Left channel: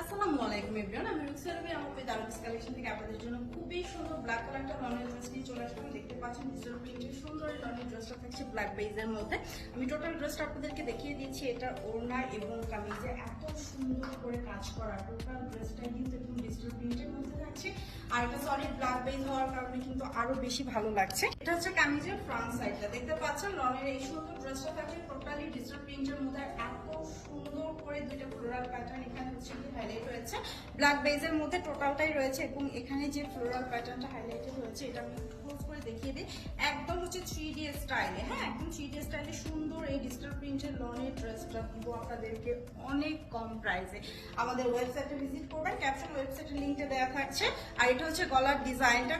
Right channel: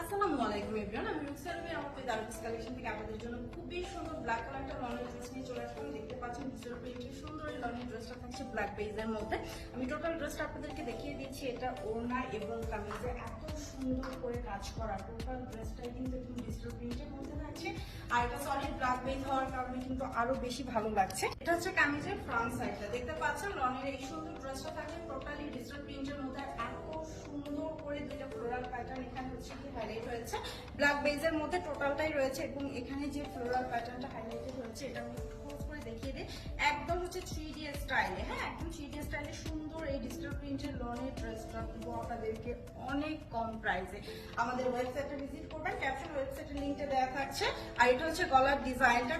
আসসালামু আলাইকুম এভরিওয়ান, আমি রুকসানা আমাকে দারুস কালেকশন থেকে আপনাদের জন্য খুবই সুন্দর ব্ল্যাক কালারটা লনের ড্রেস নিয়ে চলে আসলাম। দেখতে পাচ্ছেন ডিজিটাল প্রিন্টের সুন্দর লনের ড্রেসটা থাকছে ব্ল্যাক বেজের মধ্যে। আমি টোটাল ড্রেসটা আপনাদেরকে দেখিয়ে দিচ্ছি। এটা ওড়না এবং কামিজে এত সুন্দর করে কাজ করা, টোটাল ড্রেসটা কিন্তু একদম ডিজিটাল প্রিন্টের মধ্যে থাকছে। আর এটা সলিড ব্ল্যাক বেজ হওয়ার কারণে কিন্তু আরো বেশি ভালো লাগছে। এটা হচ্ছে কামিজের ফ্রন্ট সাইডটা, দেখতে পাচ্ছেন লনের এই সুন্দর ড্রেসটা থাকে টোটালি ডিজিটাল প্রিন্টের মধ্যে। এত সুন্দর করে দুইটা ফ্লোরাল প্যাটার্ন এখানে হচ্ছে হাইলাইট হয়েছে ব্ল্যাক বেজের মধ্যে, টোটালটাই রয়েছে। এবং এখানে যে ফ্লোরাল প্যাটার্নটা হাইলাইটেড হয়েছে এটা আমি ক্লোজ করে দেখিয়ে দিই। একদম হচ্ছে 3D স্টাইলে, হ্যাঁ একদম 3D স্টাইলে সুন্দর এই ডিজিটাল প্রিন্টের লনের ড্রেসটা পুরো আপনাদেরকে অনেক কম প্রাইসে আমাদের ওয়েবসাইটে ভিজিট করবেন। ক্যাপশন ওয়েবসাইটের লিঙ্কটা দেওয়া থাকছে। আর এটা হচ্ছে গলার ডিজাইনটা,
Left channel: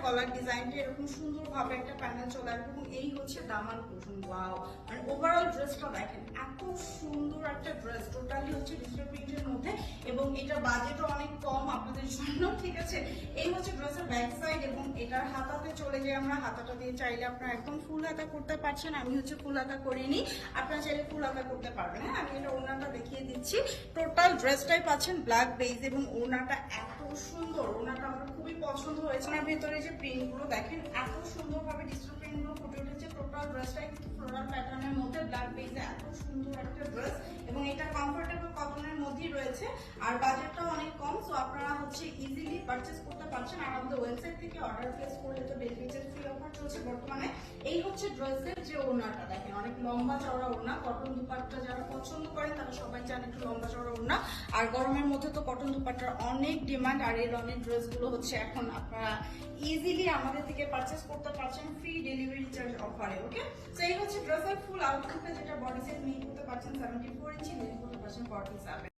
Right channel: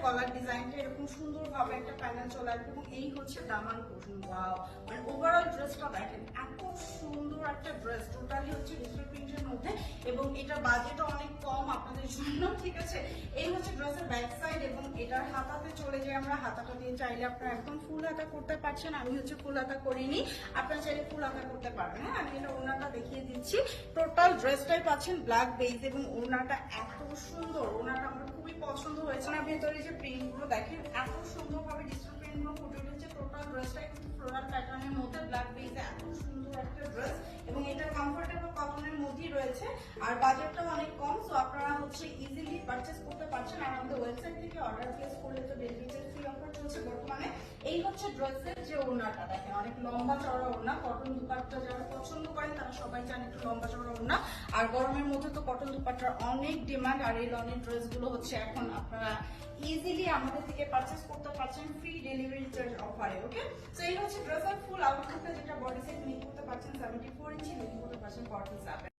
এরকম সুন্দরভাবে একটা প্যানেল চলে আসবে এবং এই হচ্ছে দামান পোর্শন। ওয়াও, মানে ওভারঅল ড্রেসটা দেখেন এত সুন্দর একটা ড্রেস, টোটালি হচ্ছে ডিজিটাল প্রিন্টের মধ্যে এবং এটা বাজেটও অনেক কম আপনাদের জন্য, ঠিক আছে। এই হচ্ছে ড্রেসের ব্যাক সাইড এবং এটার হাতাতে চলে যাই আমরা। হাতাটা দিয়ে চাইলে আপনারা একদম ফুল হাতা করতে পারছেন, আমি হচ্ছে ফুল হাতা করিনি, আপনারা চাইলে ফুল হাতা করতে পারবেন। হ্যাঁ, আমি এটা ওড়নাটা দেখিয়ে দিচ্ছি। টোটাল ড্রেসটাই পাচ্ছেন ব্ল্যাক বেজ এবং ওড়নাটা এত সুন্দর, ওড়নাটা আমার খুবই পছন্দ হয়েছে। আর ভেতরে যে প্রিন্টগুলো দেখেন এত সুন্দরভাবে ডিজিটাল প্রিন্টগুলো ফুটে উঠেছে। টোটাল ড্রেসটা কিন্তু ফ্লোরাল প্যাটার্নের মধ্যে ব্ল্যাক বেজে এত সুন্দর একটা ড্রেস এবং এটা কমফোর্টেবল কটনের মধ্যেই রয়েছে। আর বাজেটটা অনেক কম, সো আপনারা হচ্ছে ইজিলি পারচেজ করতে পারছেন। আর আমাদের ওয়েবসাইট থেকে অর্ডার প্লেস করলে তো ডেলিভারি চার্জ ফ্রি অফার চলছে বর্তমানে। এই হচ্ছে ড্রেসের যে ওড়নাটা দেখেন, অনেক লম্বা চওড়া ওড়না। কটন দুপাট্টা যারা পছন্দ করেন তারা সবাই চান একটু লম্বা চওড়া ওড়না। আর গরমের মধ্যে তো কটন দুপাট্টার অনেক ডিমান্ড। আর এই লনের ড্রেসগুলো হচ্ছে এখন আপনারা ইজিলি আমাদের থেকে পারচেজ করতে পারছেন ফ্রি ডেলিভারি চার্জ অফারে। ওকে, তো এই হচ্ছে ড্রেসের ফুল আউটলুকে, যেটা বডি সাইজ নিয়ে করতে পারছেন 74 ইঞ্চি, নিয়ে করতে পারছেন 47।